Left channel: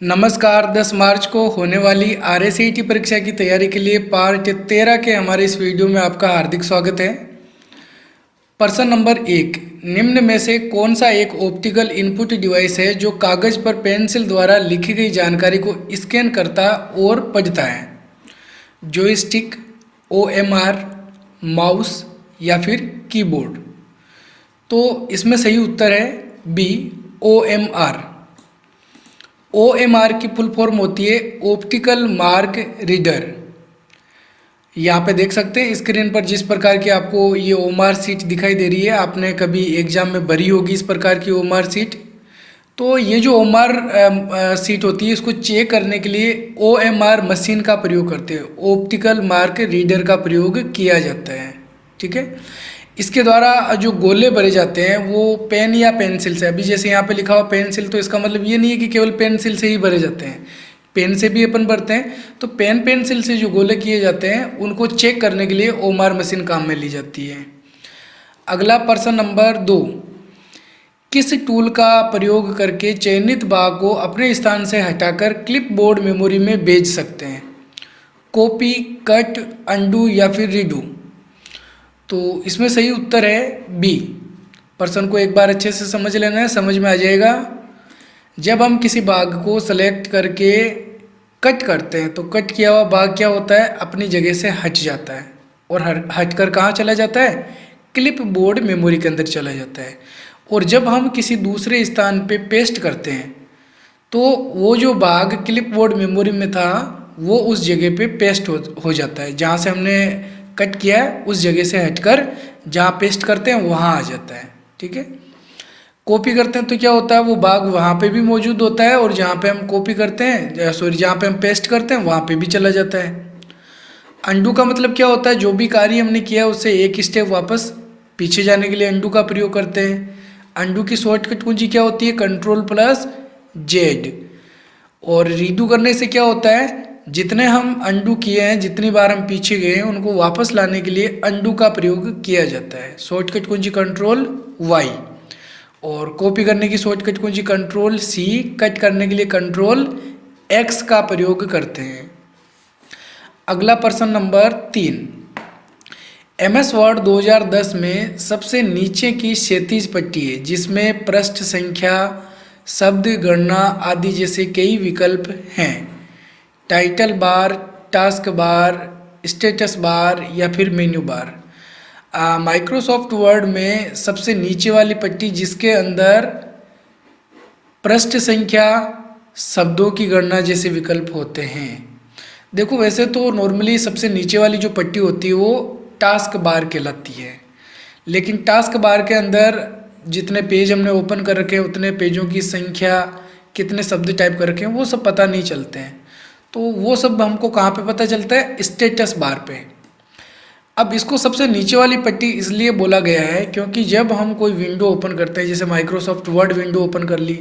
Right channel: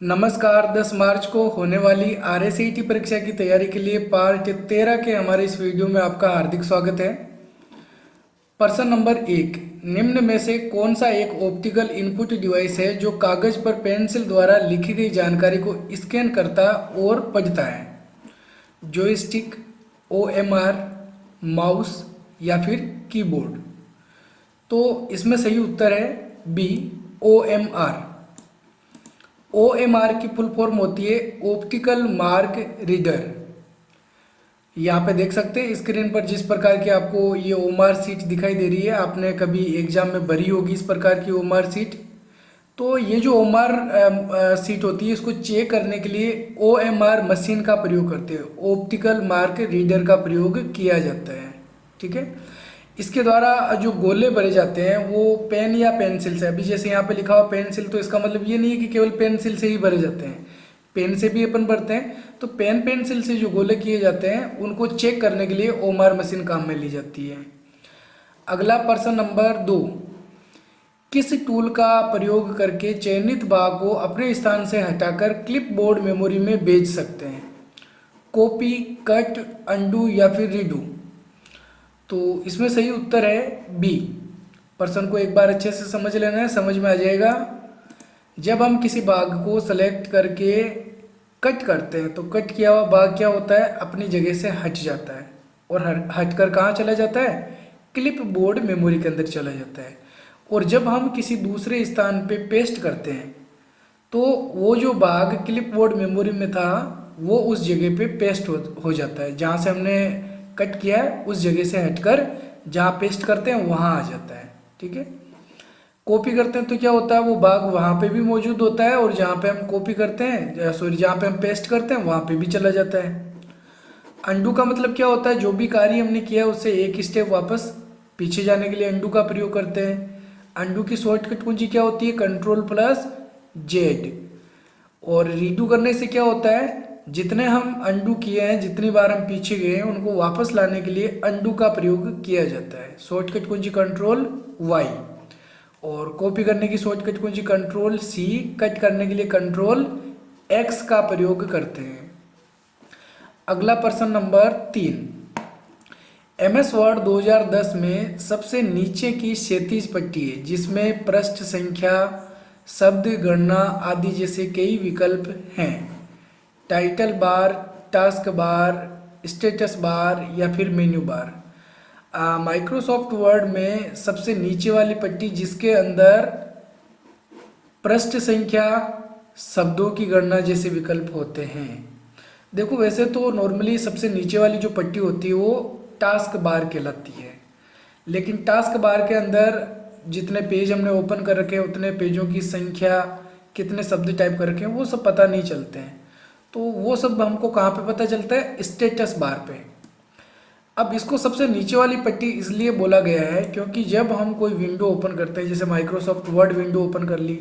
नमस्कार। 10 मार्च को होने वाली आरएससीईटी परीक्षा की तैयारी के लिए पार्ट 13 के हमारे इस वीडियो में आपका हार्दिक स्वागत है। प्रश्न नंबर 1, निम्न में से कौन सा एक ऑप्टिकल इनपुट डिवाइस है जो कागज पर पेंसिल द्वारा लिखी गई जानकारी को स्कैन करता और पढ़ता है? जॉयस्टिक, ओएमआर, माउस या फिर कीबोर्ड? तो इसमें सही उत्तर है बी, ओएमआर। ओएमआर की फुल फॉर्म होती है ऑप्टिकल मार्क रीडर। यहाँ पे देख सकते हैं स्क्रीन पर जिस प्रकार की आपको ये ओएमआर सीट दिखाई दे रही है, आपने कभी एग्जाम में भरी होगी इस प्रकार की ओएमआर सीट। तो ये जो ओएमआर सीट होती है इसको चेक करने के लिए ओएमआर मशीन का प्रयोग करते हैं, ऑप्टिकल मार्क रीडर का प्रयोग किया जाता है। ठीक है, इसके द्वारा जो गोले भरे जाते हैं वो पेन या पेंसिल से। अभी जैसे यहाँ पे लिखा हुआ पेंसिल, तो इसका मतलब ये नहीं है कि केवल पेंसिल से ही भरे जाते हैं, पेन से भी अपन भरते हैं। तो पेन पेंसिल से जो गोले किए जाते हैं उनको चेक करने के लिए ओएमआर मशीन काम में ली जाती है। अगला प्रश्न नंबर 2, किस टूल का प्रयोग करके चयनित भाग को अपने स्थान से हटाकर क्लिपबोर्ड मेमोरी में भेज सकते हैं? कॉपी, कट, अनडू या फिर रीडू? तो इसमें सही उत्तर है बी। प्रश्न को एक बार अच्छे से समझ लेना है, समझ में आ जाएगा। जब हम किसी भाग को सेलेक्ट करके कट करते हैं तो कट किया हुआ भाग क्या होता है, अपनी जगह से हट जाता है और हट कर कहाँ चला जाता है, क्लिप बोर्ड मेमोरी के अंदर चला जाता है। और जब हम किसी दूसरे स्थान पे पेस्ट करते हैं तो वो जो भाग क्लिप बोर्ड मेमोरी में था वो उस जगह पे पेस्ट हो जाता है, जहाँ से हमने कट किया है उस जगह से हटकर जहाँ पेस्ट करते हैं वहाँ आ जाता है। ठीक है, कॉपी करते हैं तो क्या होता है, वो भाग वहाँ पे भी मौजूद होता है और जहाँ पे हम कॉपी करते हैं जहाँ पे हम पेस्ट करते हैं वहाँ पे भी चला जाता है। अंडू का मतलब क्या होता है, जो भी कार्य हमने किया है उससे एक स्टेप वापस पीछे जाने के लिए अंडू का प्रयोग करते हैं। अंडू की शॉर्टकट कुंजी क्या होती है, Ctrl+Z। और रीडू करने से क्या होता है, जितने हम अंडू किए हैं, जितनी बार हम पीछे गए हैं उनको वापस लाने के लिए अंडू का प्रयोग किया जाता है। शॉर्टकट कुंजी Ctrl+Y। और कॉपी करने की शॉर्टकट कुंजी Ctrl+C, कट करने के लिए Ctrl+X का प्रयोग करते हैं। अगला प्रश्न नंबर 3, MS वर्ड 2010 में सबसे नीचे की क्षैतिज पट्टी है जिसमें पृष्ठ संख्या, शब्द गणना आदि जैसे कई विकल्प हैं। Title bar, task bar, status bar या फिर मेन्यू बार? माइक्रोसॉफ्ट वर्ड में सबसे नीचे वाली पट्टी जिसके अंदर पृष्ठ संख्या, शब्दों की गणना जैसे विकल्प होते हैं। देखो वैसे तो नॉर्मली सबसे नीचे वाली जो पट्टी होती है वो टास्क बार कहलाती है, लेकिन टास्क बार के अंदर जितने पेज हमने ओपन कर रखे हैं उतने पेजों की संख्या, कितने शब्द टाइप कर रखे हैं वो सब पता नहीं चलते हैं। तो वो सब हमको कहाँ पे पता चलता है, स्टेटस बार पे। अब इसको सबसे नीचे वाली पट्टी इसलिए बोला गया है क्योंकि जब हम कोई विंडो ओपन करते हैं, जैसे माइक्रोसॉफ्ट वर्ड विंडो ओपन कर ली,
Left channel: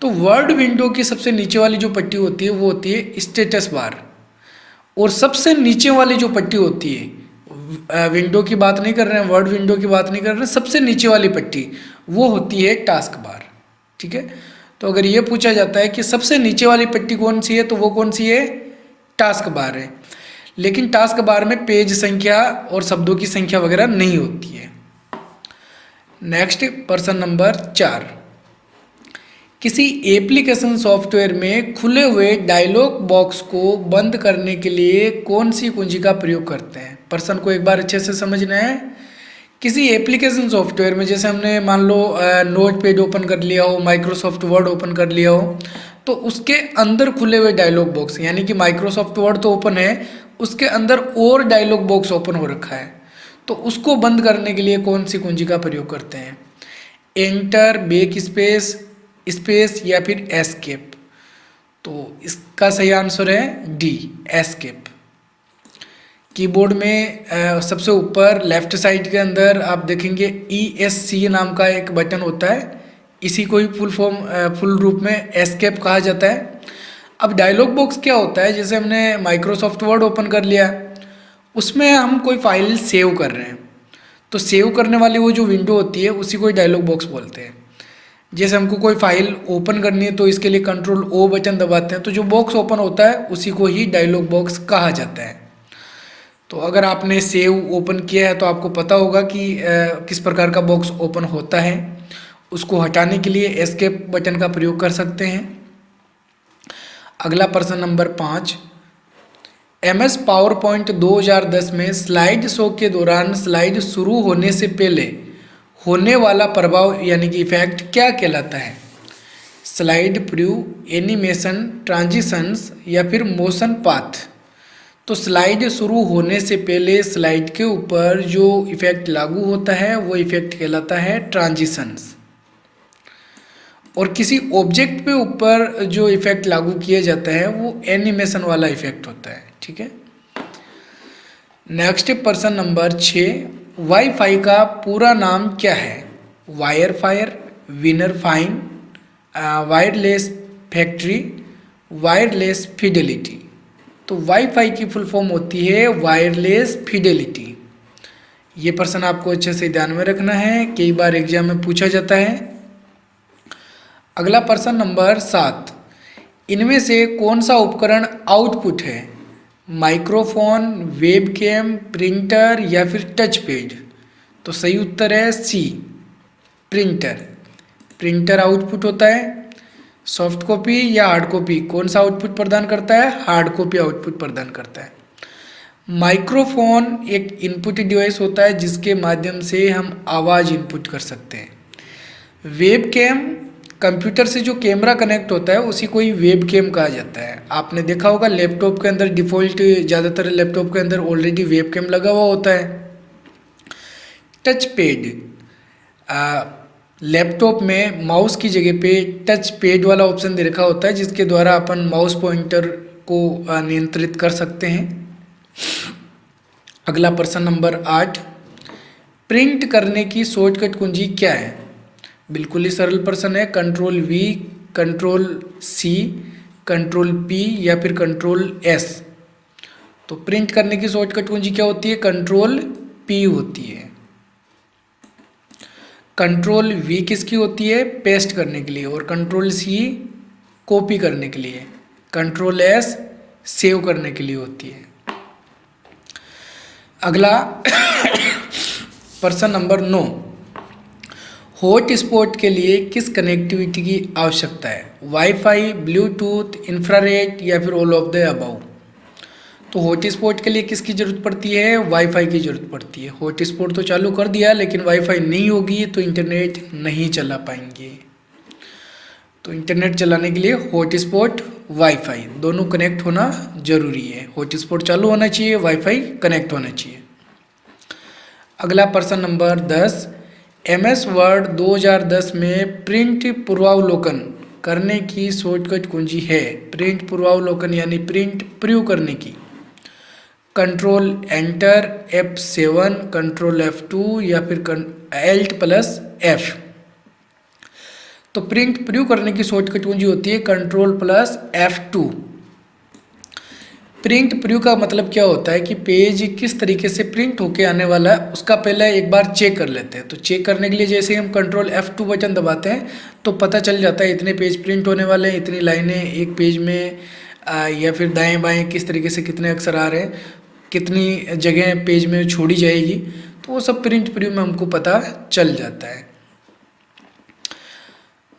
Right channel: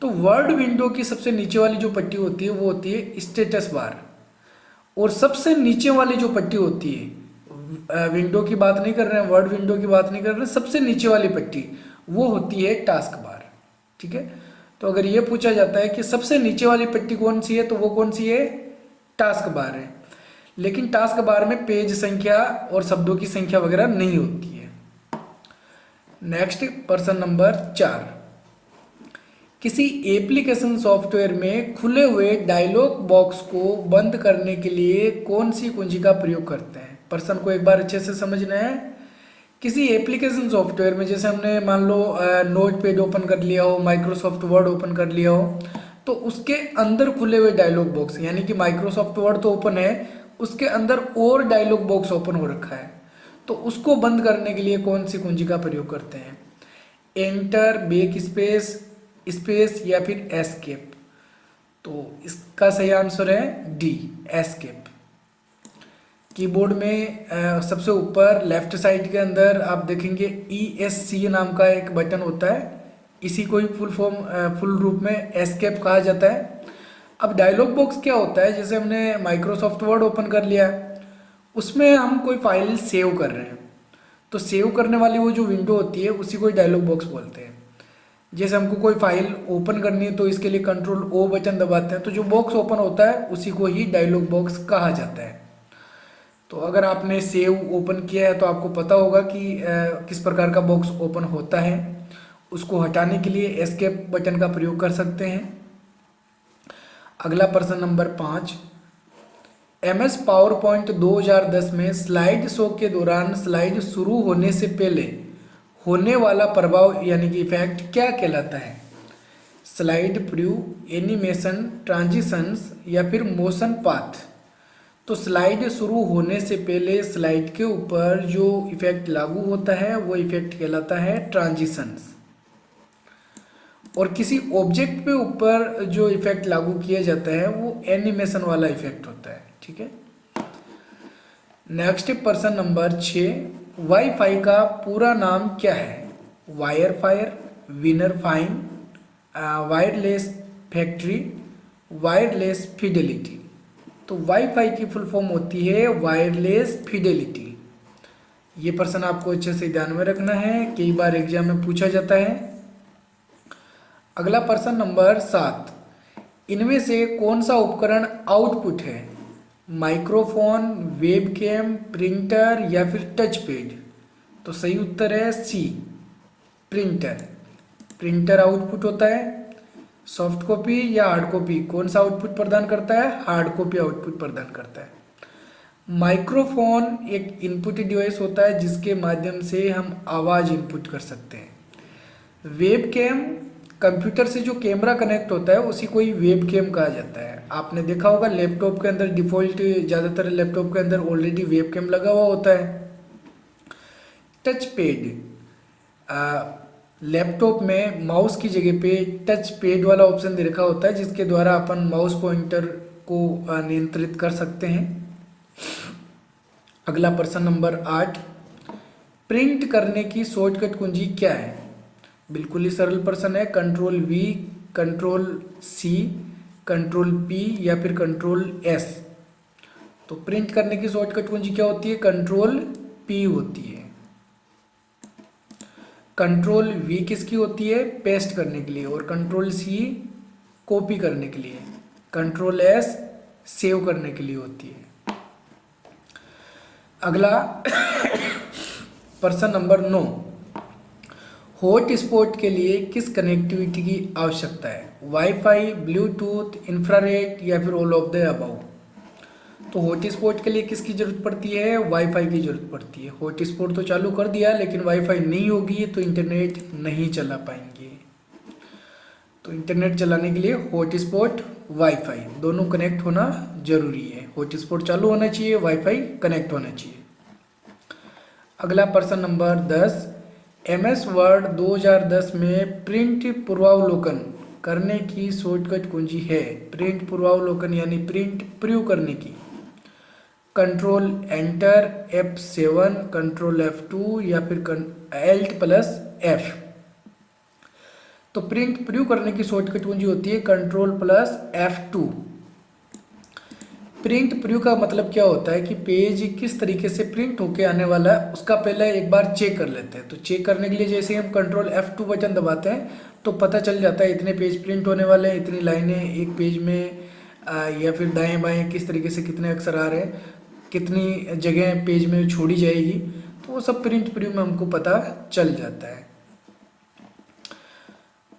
तो वर्ड विंडो की सबसे नीचे वाली जो पट्टी होती है वो होती है स्टेटस बार। और सबसे नीचे वाली जो पट्टी होती है, विंडो की बात नहीं कर रहे हैं, वर्ड विंडो की बात नहीं कर रहे हैं, सबसे नीचे वाली पट्टी वो होती है टास्क बार। ठीक है, तो अगर ये पूछा जाता है कि सबसे नीचे वाली पट्टी कौन सी है तो वो कौन सी है, टास्क बार है। लेकिन टास्क बार में पेज संख्या और शब्दों की संख्या वगैरह नहीं होती है। नेक्स्ट प्रश्न नंबर 4, किसी एप्लीकेशन सॉफ्टवेयर में खुले हुए डायलॉग बॉक्स को बंद करने के लिए कौन सी कुंजी का प्रयोग करते हैं? प्रश्न को एक बार अच्छे से समझना है। किसी एप्लीकेशन सॉफ्टवेयर में, जैसे हमने मान लो नोट पैड ओपन कर लिया हो, माइक्रोसॉफ्ट वर्ड ओपन कर लिया हो, तो उसके अंदर खुले हुए डायलॉग बॉक्स, यानी कि माइक्रोसॉफ्ट वर्ड तो ओपन है, उसके अंदर और डायलॉग बॉक्स ओपन हो रखा है, तो उसको बंद करने के लिए कौन सी कुंजी का प्रयोग करते हैं? एंटर, बैक स्पेस, स्पेस या फिर एस्केप? तो इसका सही आंसर है डी, एस्केप। कीबोर्ड में सबसे ऊपर लेफ्ट साइड के अंदर आप देखेंगे ESC नाम का एक बटन होता है, इसी को ही फुल रूप में एस्केप कहा जाता है। अब डायलॉग बॉक्स क्या होता है, जैसे हमने माइक्रोसॉफ्ट वर्ड ओपन कर लिया, उसमें हम कोई फाइल सेव कर रहे हैं, तो सेव करने वाली वो जो विंडो होती है उसी को डायलॉग बॉक्स बोलते हैं। जैसे हमको कोई फाइल ओपन करनी है तो इसके लिए कंट्रोल ओ बटन दबाते हैं, तो जो बॉक्स ओपन होता है उसी को ही डायलॉग बॉक्स कहा जाता है। तो अगर आपने सेव ओपन किया है तो आपको पता होगा कि किस प्रकार का बॉक्स ओपन होता है। उसको हटाने के लिए एस्केप बटन का प्रयोग कर सकते हैं। अगला प्रश्न नंबर 5, MS पावर पॉइंट 2010 में स्लाइड शो के दौरान स्लाइड शुरू होने से पहले होने वाला प्रभाव यानी कि इफेक्ट क्या कहलाता है? स्लाइड प्रीव्यू, एनिमेशन, ट्रांजिशंस या फिर मोशन पाथ। तो स्लाइड शुरू होने से पहले स्लाइड के ऊपर जो इफेक्ट लागू होता है वो इफेक्ट कहलाता है ट्रांजिशंस। और किसी ऑब्जेक्ट पे ऊपर जो इफेक्ट लागू किया जाता है वो एनिमेशन वाला इफेक्ट होता है। ठीक है। नेक्स्ट प्रश्न नंबर 6, वाईफाई का पूरा नाम क्या है? Wire fire, winner fine, wireless factory, wireless Fidelity. तो वाईफाई की फुल फॉर्म होती है वायरलेस फिडेलिटी। ये प्रश्न आपको अच्छे से ध्यान में रखना है, कई बार एग्जाम में पूछा जाता है। अगला प्रश्न नंबर 7, इनमें से कौन सा उपकरण आउटपुट है? माइक्रोफोन, वेबकैम, प्रिंटर या फिर टच पैड? तो सही उत्तर है सी, प्रिंटर। प्रिंटर आउटपुट होता है। सॉफ्ट कॉपी या हार्ड कॉपी, कौन सा आउटपुट प्रदान करता है? हार्ड कॉपी आउटपुट प्रदान करता है। माइक्रोफोन एक इनपुट डिवाइस होता है जिसके माध्यम से हम आवाज़ इनपुट कर सकते हैं। वेबकैम कंप्यूटर से जो कैमरा कनेक्ट होता है उसी को ही वेबकैम कहा जाता है। आपने देखा होगा लैपटॉप के अंदर डिफ़ॉल्ट, ज़्यादातर लैपटॉप के अंदर ऑलरेडी वेबकैम लगा हुआ होता है। टच पैड, लैपटॉप में माउस की जगह पे टच पैड वाला ऑप्शन दे रखा होता है जिसके द्वारा अपन माउस पॉइंटर को नियंत्रित कर सकते हैं। अगला प्रश्न नंबर 8, प्रिंट करने की शॉर्टकट कुंजी क्या है? बिल्कुल ही सरल प्रश्न है। Control V, control C, control P या फिर कंट्रोल S। तो प्रिंट करने की शॉर्टकट कुंजी क्या होती है? कंट्रोल P होती है। कंट्रोल V किसकी होती है? पेस्ट करने के लिए। और कंट्रोल C कॉपी करने के लिए। कंट्रोल S सेव करने के लिए होती है। अगला प्रश्न नंबर 9, हॉटस्पॉट के लिए किस कनेक्टिविटी की आवश्यकता है? वाईफाई, ब्लूटूथ, इंफ्रारेड या फिर ऑल ऑफ द अबव? तो हॉटस्पॉट के लिए किसकी ज़रूरत पड़ती है? वाईफाई की ज़रूरत पड़ती है। हॉटस्पॉट तो चालू कर दिया लेकिन वाईफाई नहीं होगी तो इंटरनेट नहीं चला पाएंगे। तो इंटरनेट चलाने के लिए हॉटस्पॉट, वाईफाई दोनों कनेक्ट होना जरूरी है। हॉटस्पॉट चालू होना चाहिए, वाईफाई कनेक्ट होना चाहिए। अगला प्रश्न नंबर 10, MS वर्ड 2010 में प्रिंट पूर्वावलोकन करने की शॉर्टकट कुंजी है? प्रिंट पूर्वावलोकन यानी प्रिंट प्रीव्यू करने की। Control enter, F7, control F2 या फिर Alt+F। तो प्रिंट प्रीव्यू करने की शॉर्टकट कुंजी होती है कंट्रोल+F2। प्रिंट प्रीव्यू का मतलब क्या होता है कि पेज किस तरीके से प्रिंट होके आने वाला है उसका पहले एक बार चेक कर लेते हैं। तो चेक करने के लिए जैसे ही हम कंट्रोल F2 बटन दबाते हैं तो पता चल जाता है इतने पेज प्रिंट होने वाले हैं, इतनी लाइनें एक पेज में, या फिर दाएं बाएं किस तरीके से कितने अक्षर आ रहे हैं, कितनी जगह पेज में छोड़ी जाएगी। तो वो सब प्रिंट प्रीव्यू में हमको पता चल जाता है।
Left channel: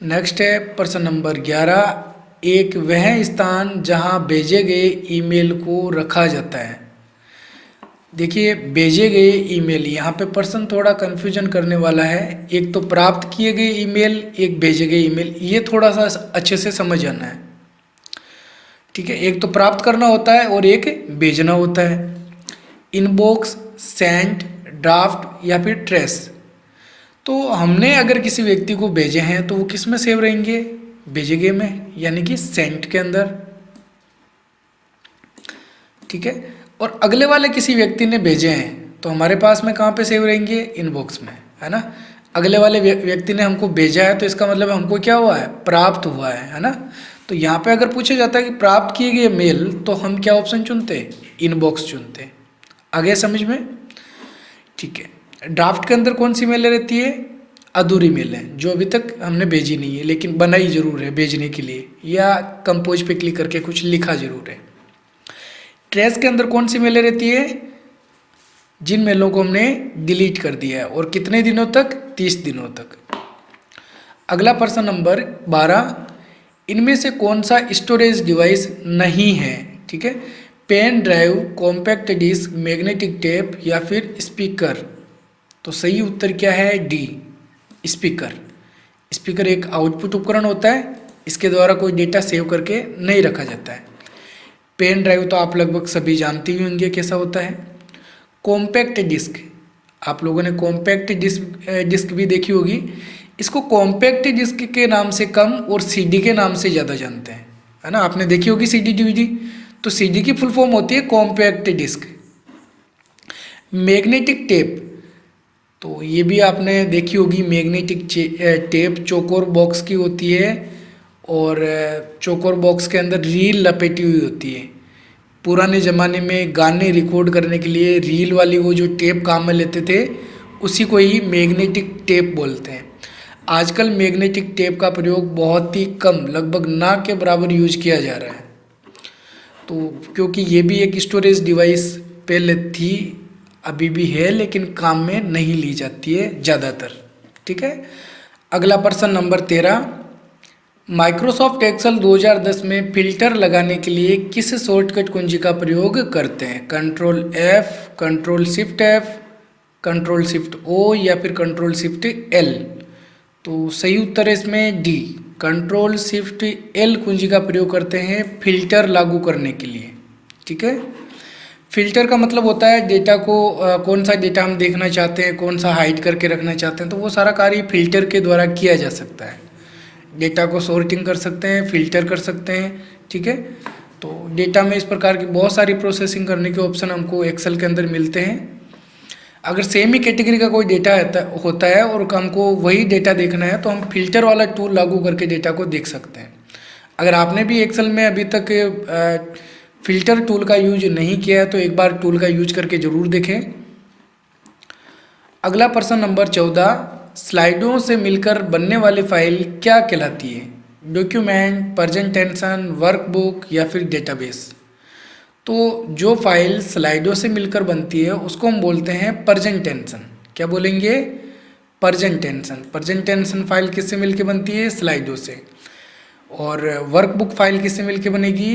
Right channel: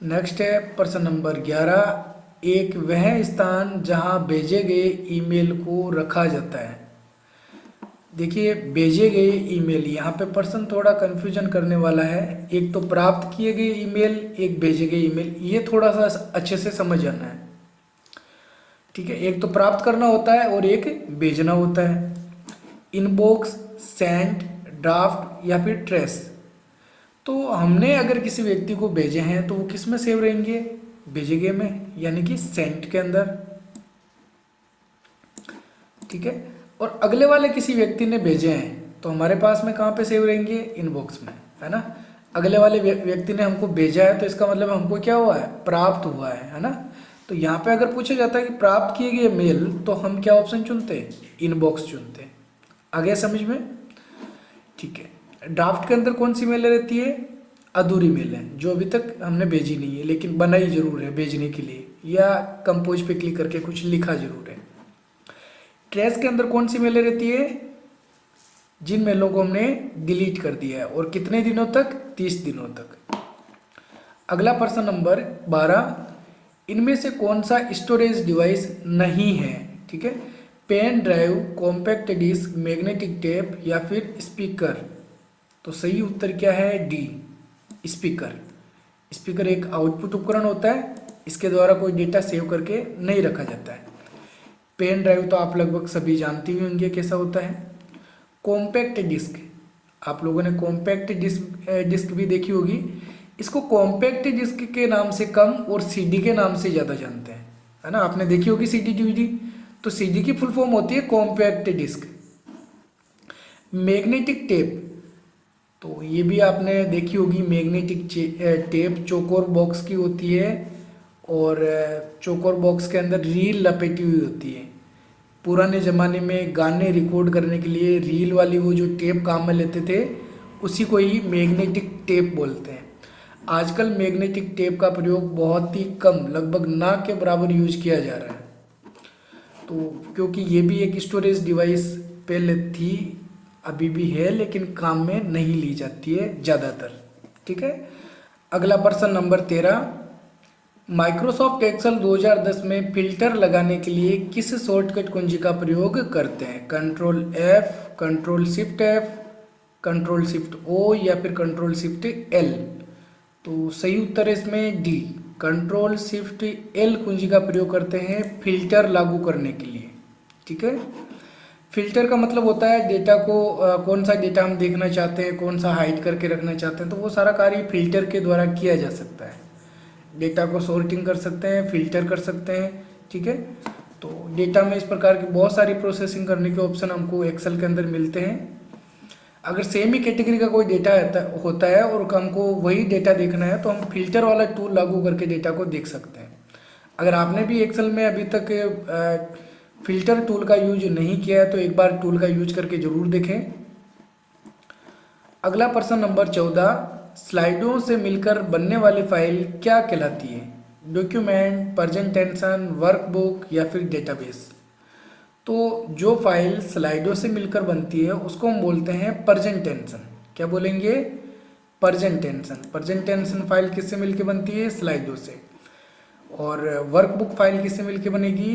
नेक्स्ट है प्रश्न नंबर 11, एक वह स्थान जहां भेजे गए ईमेल को रखा जाता है। देखिए भेजे गए ईमेल, यहाँ पे प्रश्न थोड़ा कन्फ्यूजन करने वाला है। एक तो प्राप्त किए गए ईमेल, एक भेजे गए ईमेल, ये थोड़ा सा अच्छे से समझ आना है। ठीक है, एक तो प्राप्त करना होता है और एक भेजना होता है। इनबॉक्स, सेंट, ड्राफ्ट या फिर ट्रेस। तो हमने अगर किसी व्यक्ति को भेजे हैं तो वो किस में सेव रहेंगे? भेजे गए में, यानी कि सेंट के अंदर। ठीक है, और अगले वाले किसी व्यक्ति ने भेजे हैं तो हमारे पास में कहाँ पे सेव रहेंगे? इनबॉक्स में, है ना। अगले वाले व्यक्ति ने हमको भेजा है तो इसका मतलब हमको क्या हुआ है? प्राप्त हुआ है ना। तो यहाँ पे अगर पूछा जाता है कि प्राप्त किए गए मेल तो हम क्या ऑप्शन चुनते हैं? इनबॉक्स चुनते हैं। आगे समझ में? ठीक है, ड्राफ्ट के अंदर कौन सी मेल रहती है? अधूरी मेल है जो अभी तक हमने भेजी नहीं है, लेकिन बनाई जरूर है भेजने के लिए, या कंपोज पे क्लिक करके कुछ लिखा जरूर है। ट्रैश के अंदर कौन सी मेलें रहती है? जिन मेलों को हमने डिलीट कर दिया है, और कितने दिनों तक? 30 दिनों तक। अगला प्रश्न नंबर 12, इनमें से कौन सा स्टोरेज डिवाइस नहीं है? ठीक है, pen drive, compact disc, magnetic tape या फिर स्पीकर। तो सही उत्तर क्या है? D, speaker. स्पीकर एक आउटपुट उपकरण होता है, इसके द्वारा कोई डेटा सेव करके नहीं रखा जाता है। पेन ड्राइव तो आप लगभग सभी जानते ही होंगे कैसा होता है। कॉम्पैक्ट डिस्क, आप लोगों ने कॉम्पैक्ट डिस्क भी देखी होगी। इसको कॉम्पैक्ट डिस्क के नाम से कम और सीडी के नाम से ज़्यादा जानते हैं, है ना। आपने देखी होगी सीडी डीवीडी, तो सीडी की फुल फॉर्म होती है कॉम्पैक्ट डिस्क। मैग्नेटिक टेप, तो ये भी आपने देखी होगी। मैग्नेटिक टेप चौकोर बॉक्स की होती है, और चौकोर बॉक्स के अंदर रील लपेटी हुई होती है। पुराने ज़माने में गाने रिकॉर्ड करने के लिए रील वाली वो जो टेप काम में लेते थे, उसी को ही मैग्नेटिक टेप बोलते हैं। आजकल मैग्नेटिक टेप का प्रयोग बहुत ही कम, लगभग ना के बराबर यूज किया जा रहा है। तो क्योंकि ये भी एक स्टोरेज डिवाइस पहले थी, अभी भी है, लेकिन काम में नहीं ली जाती है ज़्यादातर। ठीक है, अगला प्रश्न नंबर 13, माइक्रोसॉफ्ट एक्सेल 2010 में फिल्टर लगाने के लिए किस शॉर्टकट कुंजी का प्रयोग करते हैं? Control F, control shift F, control shift O या फिर कंट्रोल शिफ्ट L। तो सही उत्तर है इसमें डी, कंट्रोल शिफ्ट L कुंजी का प्रयोग करते हैं फिल्टर लागू करने के लिए। ठीक है, फिल्टर का मतलब होता है डेटा को कौन सा डेटा हम देखना चाहते हैं, कौन सा हाइड करके रखना चाहते हैं, तो वो सारा कार्य फिल्टर के द्वारा किया जा सकता है। डेटा को सॉर्टिंग कर सकते हैं, फिल्टर कर सकते हैं। ठीक है, तो डेटा में इस प्रकार की बहुत सारी प्रोसेसिंग करने के ऑप्शन हमको एक्सेल के अंदर मिलते हैं। अगर सेम ही कैटेगरी का कोई डेटा होता है और हमको वही डेटा देखना है, तो हम फिल्टर वाला टूल लागू करके डेटा को देख सकते हैं। अगर आपने भी एक्सेल में अभी तक फिल्टर टूल का यूज नहीं किया है, तो एक बार टूल का यूज करके ज़रूर देखें। अगला प्रश्न नंबर 14, स्लाइडों से मिलकर बनने वाली फाइल क्या कहलाती है? डॉक्यूमेंट, प्रेजेंटेशन, वर्कबुक या फिर डेटाबेस। तो जो फाइल स्लाइडों से मिलकर बनती है उसको हम बोलते हैं प्रेजेंटेशन। क्या बोलेंगे? प्रेजेंटेशन। प्रेजेंटेशन फाइल किससे मिलकर बनती है? स्लाइडों से। और वर्कबुक फाइल किससे मिलकर बनेगी?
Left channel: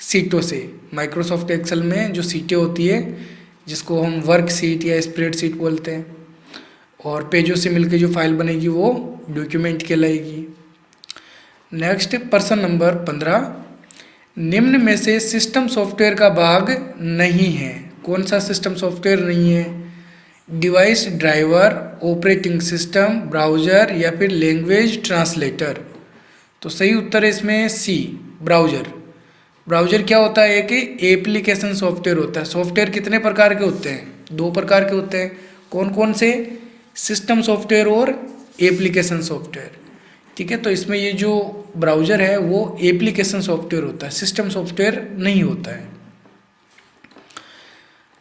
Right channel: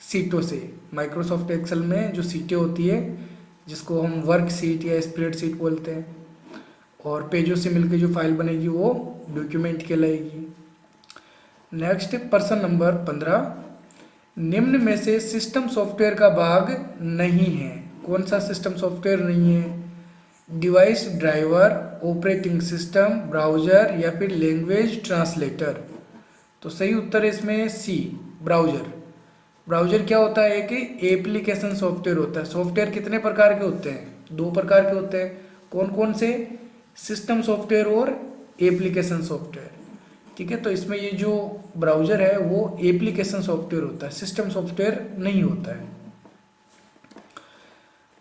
सीटों से। माइक्रोसॉफ्ट एक्सेल में जो सीटें होती है, जिसको हम वर्क सीट या स्प्रेड सीट बोलते हैं, और पेजों से मिलकर जो फाइल बनेगी वो डॉक्यूमेंट कहलाएगी। नेक्स्ट प्रश्न नंबर 15, निम्न में से सिस्टम सॉफ्टवेयर का भाग नहीं है। कौन सा सिस्टम सॉफ्टवेयर नहीं है? Device driver, operating system, browser या फिर लैंग्वेज ट्रांसलेटर। तो सही उत्तर है इसमें सी, ब्राउज़र। ब्राउज़र क्या होता है? एक एप्लीकेशन सॉफ्टवेयर होता है। सॉफ्टवेयर कितने प्रकार के होते हैं? 2 प्रकार के होते हैं। कौन कौन से? सिस्टम सॉफ्टवेयर और एप्लीकेशन सॉफ्टवेयर। ठीक है, तो इसमें ये जो ब्राउज़र है वो एप्लीकेशन सॉफ्टवेयर होता है, सिस्टम सॉफ्टवेयर नहीं होता है।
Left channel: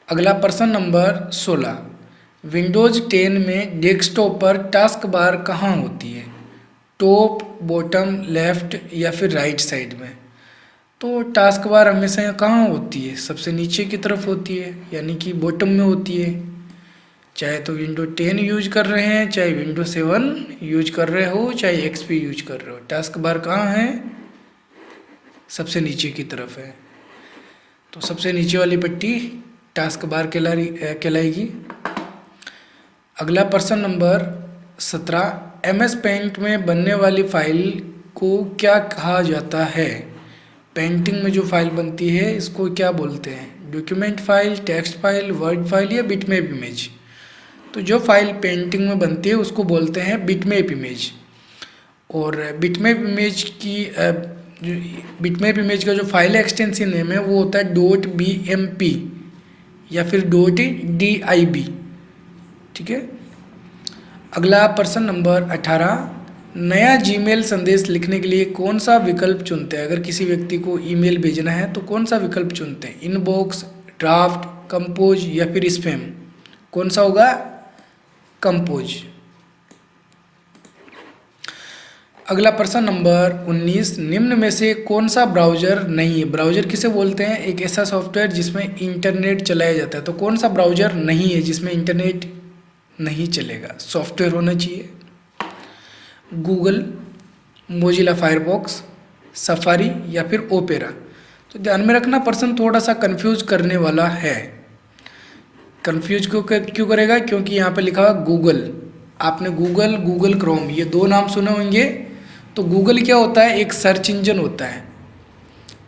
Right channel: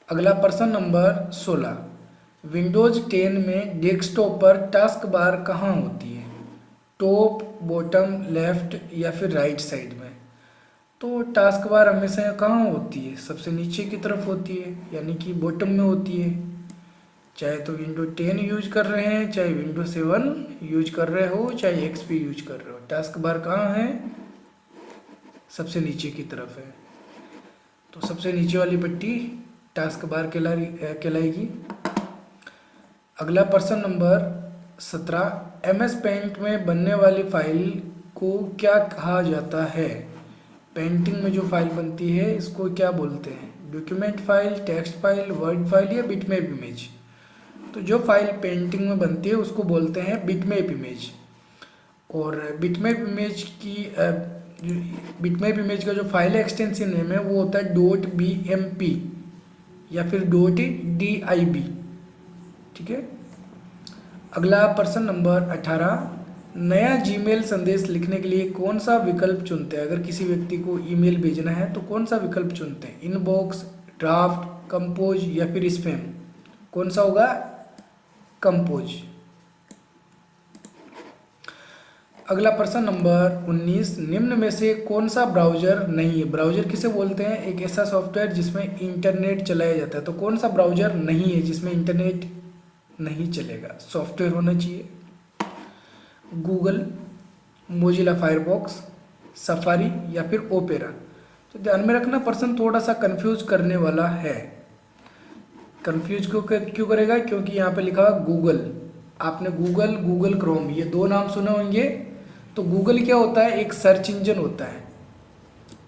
अगला प्रश्न नंबर 16, विंडोज़ 10 में डेस्कटॉप पर टास्क बार कहाँ होती है? टॉप, बॉटम, लेफ्ट या फिर राइट साइड में? तो टास्क बार हमेशा कहाँ होती है? सबसे नीचे की तरफ होती है, यानी कि बॉटम में होती है। चाहे तो विंडो 10 यूज कर रहे हैं, चाहे विंडो 7 यूज कर रहे हो, चाहे एक्सपी यूज कर रहे हो, टास्क बार कहाँ है? सबसे नीचे की तरफ है। तो सबसे नीचे वाली पट्टी टास्क बार कहलाएगी। अगला प्रश्न नंबर 17, MS पेंट में बनने वाली फाइल को क्या कहा जाता है? पेंटिंग में जो फाइल बनती है इसको क्या बोलते हैं? Document file, text file, word file या बिटमैप इमेज? तो जो फाइल पेंटिंग में बनती है उसको बोलते हैं बिटमैप इमेज। और बिटमैप इमेज का जो फाइल एक्सटेंशन नेम है वो होता है .bmp या फिर .dib। ठीक है, अगला प्रश्न नंबर 18, नया जीमेल संदेश लिखने के लिए कौन सा विकल्प चुनते हैं? अगर किसी व्यक्ति को ईमेल भेजना है तो कौन सा विकल्प चुनते हैं? इनबॉक्स, ड्राफ्ट, कंपोज या फिर स्पैम? कौन सा होगा? कंपोज। अगला प्रश्न नंबर 19, निम्न में से कौन सा ब्राउज़र नहीं है? ब्राउज़र किसे बोलते हैं? एक ऐसा सॉफ्टवेयर जिसमें इंटरनेट चलाया जाता है। तो कौन सा ब्राउज़र नहीं है जिसमें इंटरनेट नहीं चलेगा? सॉफ्टवेयर होना चाहिए। गूगल, मोजिला फायरफॉक्स, सफारी या फिर ओपेरा। तो ध्यान में रखना, प्रश्न थोड़ा सा कंफ्यूज करने वाला है। कंफ्यूज क्यों करेगा? क्योंकि यहाँ पे लिखा हुआ गूगल। आपने गूगल, गूगल क्रोम, ये दो नाम सुने होंगे। तो गूगल क्या होता है? एक सर्च इंजन होता है।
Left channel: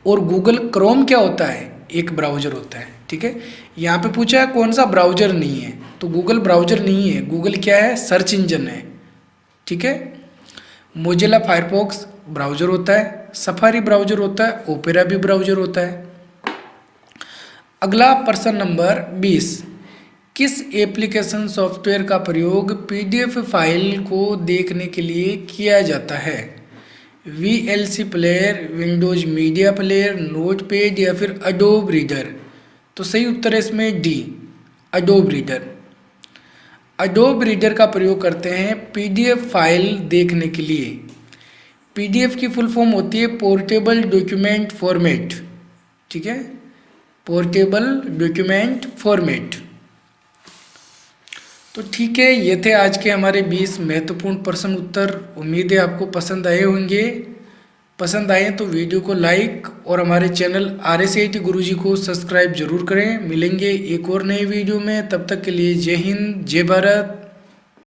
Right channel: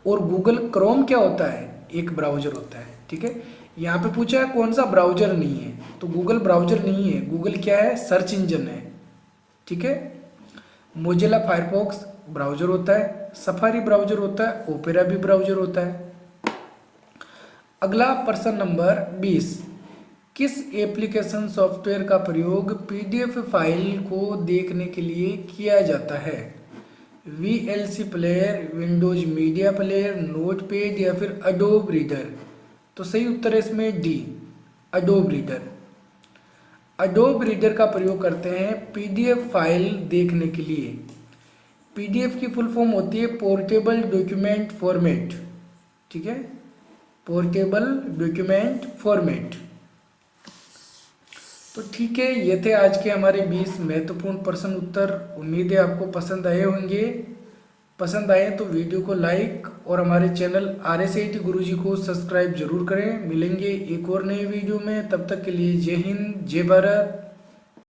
और गूगल क्रोम क्या होता है? एक ब्राउज़र होता है। ठीक है, यहाँ पे पूछा है कौन सा ब्राउज़र नहीं है, तो गूगल ब्राउज़र नहीं है। गूगल क्या है? सर्च इंजन है। ठीक है, मोजिला फायरफॉक्स ब्राउज़र होता है, सफारी ब्राउज़र होता है, ओपेरा भी ब्राउज़र होता है। अगला प्रश्न नंबर 20, किस एप्लीकेशन सॉफ्टवेयर का प्रयोग पीडीएफ फाइल को देखने के लिए किया जाता है? VLC player, Windows media player, notepad या फिर अडोब रीडर। तो सही उत्तर है इसमें D, Adobe reader. Adobe reader का प्रयोग करते हैं पीडीएफ फाइल देखने के लिए। पीडीएफ की फुल फॉर्म होती है पोर्टेबल डॉक्यूमेंट फॉर्मेट। ठीक है, पोर्टेबल डॉक्यूमेंट फॉर्मेट। तो ठीक है, ये थे आज के हमारे 20 महत्वपूर्ण प्रश्न उत्तर। उम्मीद है आपको पसंद आए होंगे। पसंद आए तो वीडियो को लाइक और हमारे चैनल RSIT गुरुजी को सब्सक्राइब जरूर करें। मिलेंगे एक और नई वीडियो में, तब तक के लिए जय हिंद, जय भारत।